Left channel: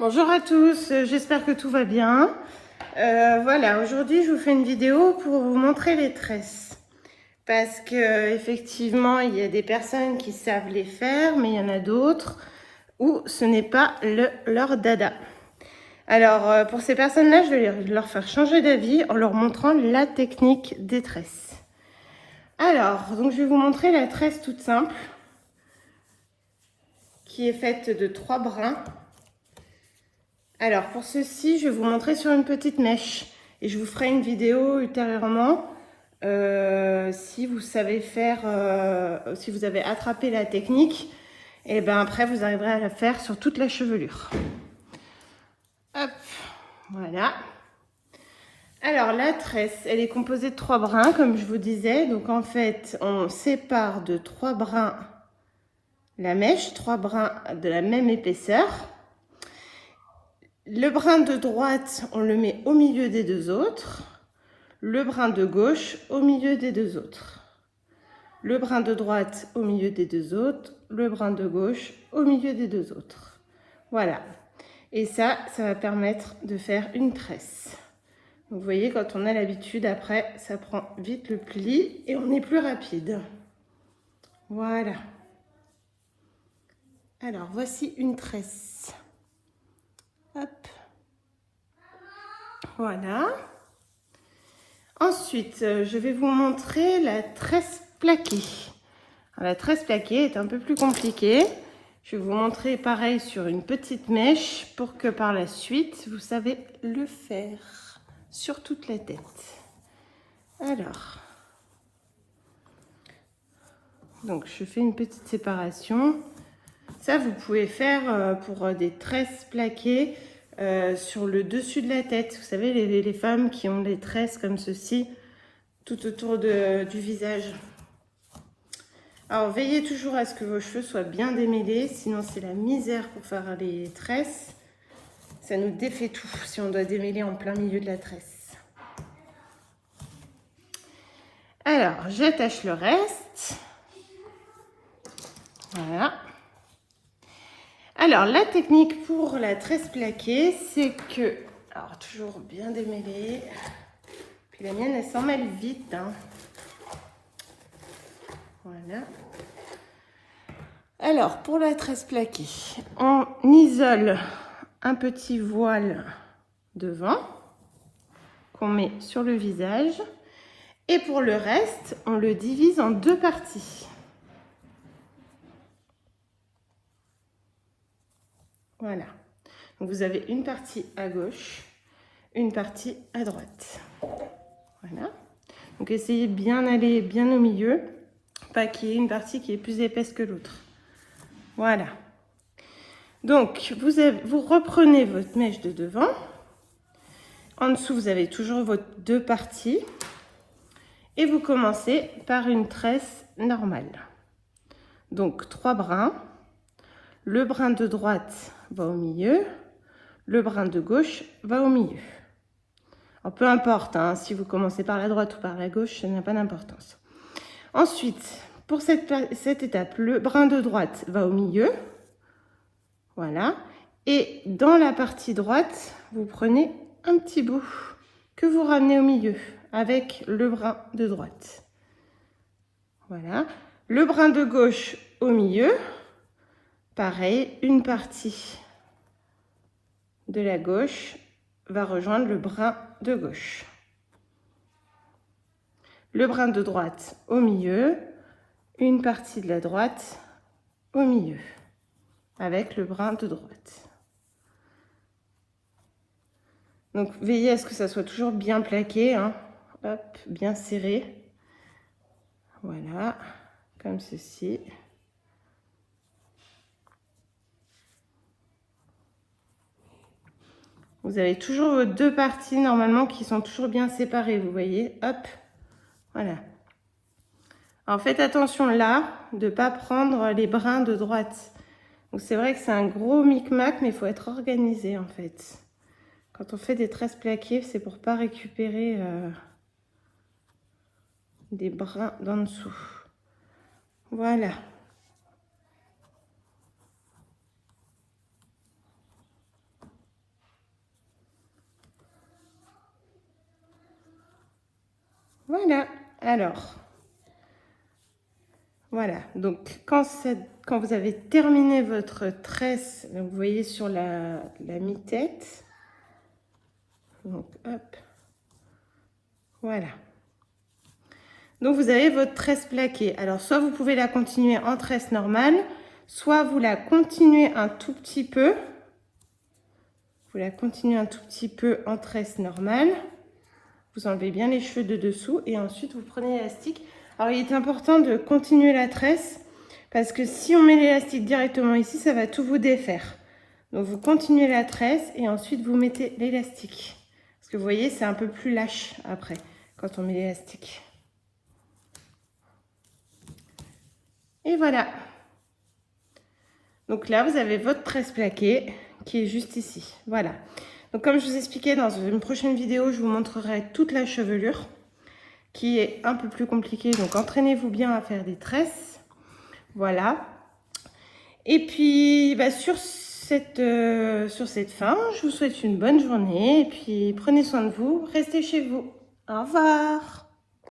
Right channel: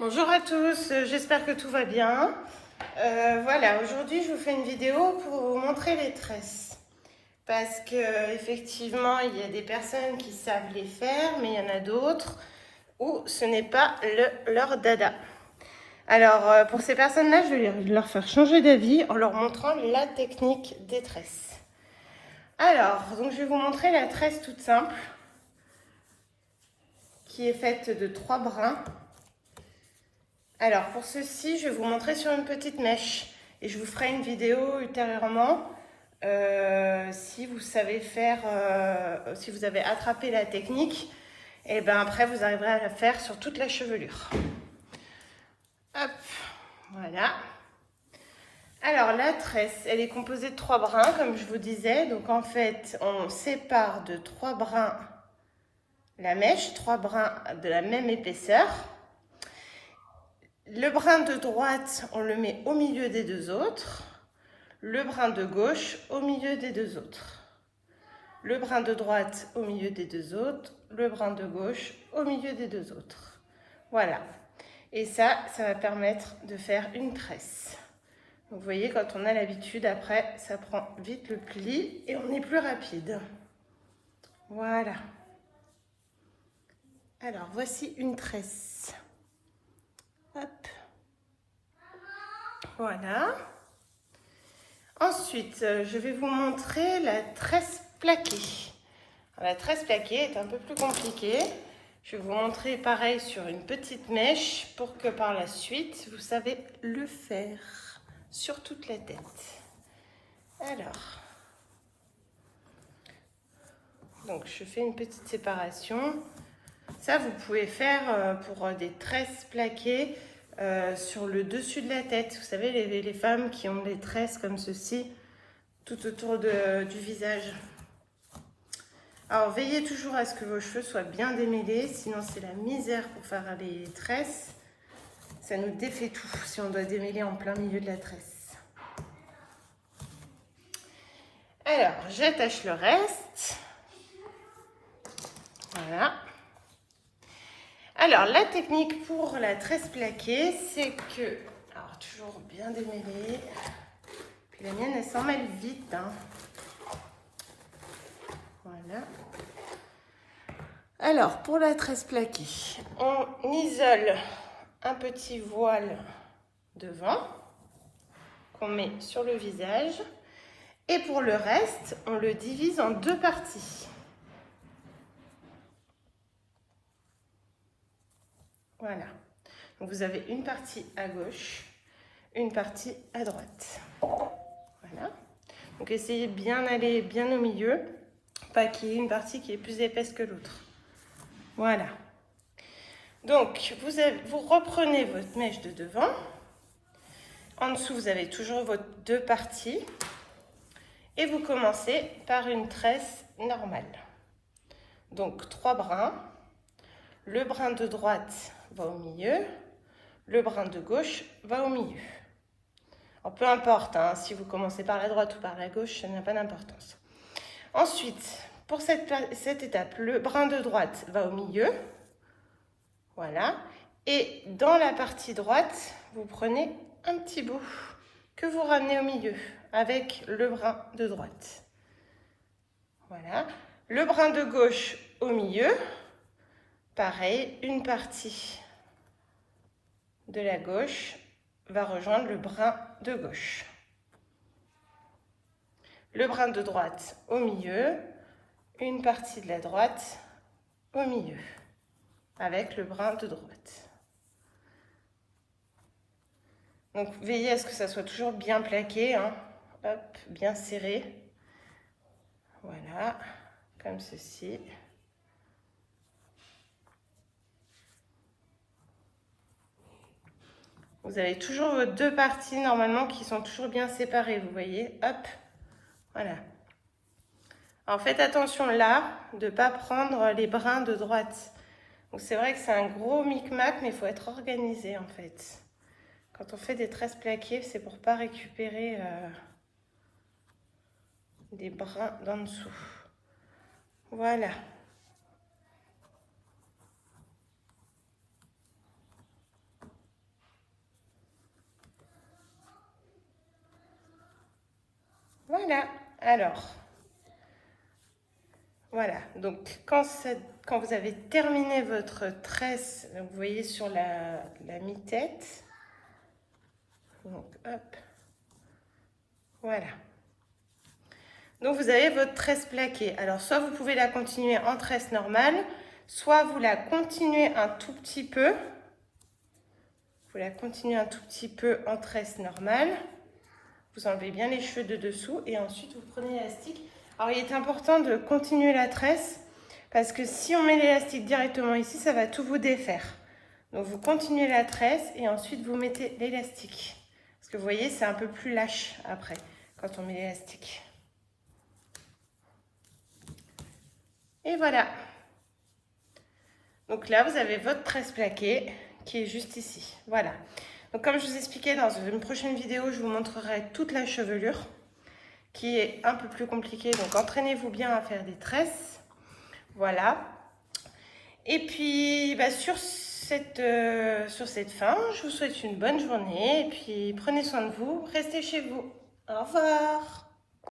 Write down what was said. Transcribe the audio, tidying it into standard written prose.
Bonjour à tous, j'espère que tout va bien. Voilà, aujourd'hui je vous fais une vidéo pour vous montrer les tresses. Parce que effectivement, il y a des personnes qui savent les faire, mais il y en a d'autres où ce n'est pas leur dada. Alors, pour ces personnes-là, je vais leur faire changer d'avis en leur montrant la technique des tresses. Alors, donc je vais vous montrer la tresse toute simple, qui est faite de 3 brins. Alors pour ceci, je vais vous montrer sur une petite mèche et je vous ferai une vidéo ultérieurement si vous savez faire, si vous avez attrapé la technique, et ben après vous arriverez à la faire sur toute la chevelure. Hop, voilà. Alors la tresse, elle est composée de 3 brins comme je vous disais. Donc en fait, on sépare de 3 brins la mèche, 3 brins de la même épaisseur. Le brin de droite, on le met au milieu des deux autres. Le brin de gauche au milieu des deux autres. Le brin de droite au milieu des deux autres. Le brin de gauche au milieu des deux autres. Voilà. Et ça va permettre de faire une tresse. Vous voyez, quand on a l'habitude, après, ça prend vite le pli et on est plus rapide. Voilà. Alors, voici une tresse. Hop. Voilà. Ensuite, je vais vous montrer la tresse plaquée. Alors, la tresse plaquée est un peu plus compliquée. Je vais vous montrer pareil sur une petite mèche pour que par la suite, vous savez le faire sur toute la tête. Alors, donc je fais une petite séparation. Ça, vous pouvez faire pour des tresses plaquées sur le dessus de la tête. Vous savez, les femmes qui ont des tresses comme ceci, tout autour du visage. Alors, veillez toujours à ce que vos cheveux soient bien démêlés, sinon c'est la misère pour faire les tresses. Ça nous défait tout si on doit démêler en plein milieu de la tresse. Alors, j'attache le reste. Voilà. Alors, la technique pour la tresse plaquée, c'est que... Alors, toujours bien démêler. Puis la mienne, elle s'emmêle vite. Hein. Voilà. Alors, pour la tresse plaquée, on isole un petit voile devant qu'on met sur le visage. Et pour le reste, on le divise en 2 parties. Voilà. Donc, vous avez une partie à gauche, une partie à droite. Voilà. Donc, essayez de bien aller bien au milieu, pas qu'il y ait une partie qui est plus épaisse que l'autre. Voilà. Donc, vous reprenez votre mèche de devant. En dessous, vous avez toujours vos 2 parties. Et vous commencez par une tresse normale. Donc, 3 brins. Le brin de droite va au milieu. Le brin de gauche va au milieu. Alors, peu importe, hein, si vous commencez par la droite ou par la gauche, ça n'a pas d'importance. Ensuite, pour cette étape, le brin de droite va au milieu. Voilà. Et dans la partie droite, vous prenez un petit bout que vous ramenez au milieu avec le brin de droite. Voilà. Le brin de gauche au milieu. Pareil, une partie de la gauche va rejoindre le brin de gauche. Le brin de droite au milieu, une partie de la droite au milieu, avec le brin de droite. Donc, veillez à ce que ça soit toujours bien plaqué, hein. Hop, bien serré. Voilà, comme ceci. Vous avez toujours vos 2 parties normalement qui sont toujours bien séparées, vous voyez. Hop, voilà. Alors faites attention là de ne pas prendre les brins de droite. Donc c'est vrai que c'est un gros micmac, mais il faut être organisé en fait. Quand on fait des tresses plaquées, c'est pour ne pas récupérer des brins d'en dessous. Voilà. Voilà, alors, voilà, donc quand vous avez terminé votre tresse, donc vous voyez sur la mi-tête, donc hop, voilà. Donc vous avez votre tresse plaquée. Alors soit vous pouvez la continuer en tresse normale, soit vous la continuez un tout petit peu. Vous la continuez un tout petit peu en tresse normale. Vous enlevez bien les cheveux de dessous et ensuite vous prenez l'élastique. Alors il est important de continuer la tresse parce que si on met l'élastique directement ici, ça va tout vous défaire. Donc vous continuez la tresse et ensuite vous mettez l'élastique. Parce que vous voyez, c'est un peu plus lâche après quand on met l'élastique. Et voilà. Donc là, vous avez votre tresse plaquée qui est juste ici. Voilà. Donc comme je vous expliquais, dans une prochaine vidéo, je vous montrerai toute la chevelure qui est un peu plus compliquée. Donc entraînez-vous bien à faire des tresses. Voilà. Et puis sur cette fin, je vous souhaite une bonne journée. Et puis prenez soin de vous. Restez chez vous. Au revoir.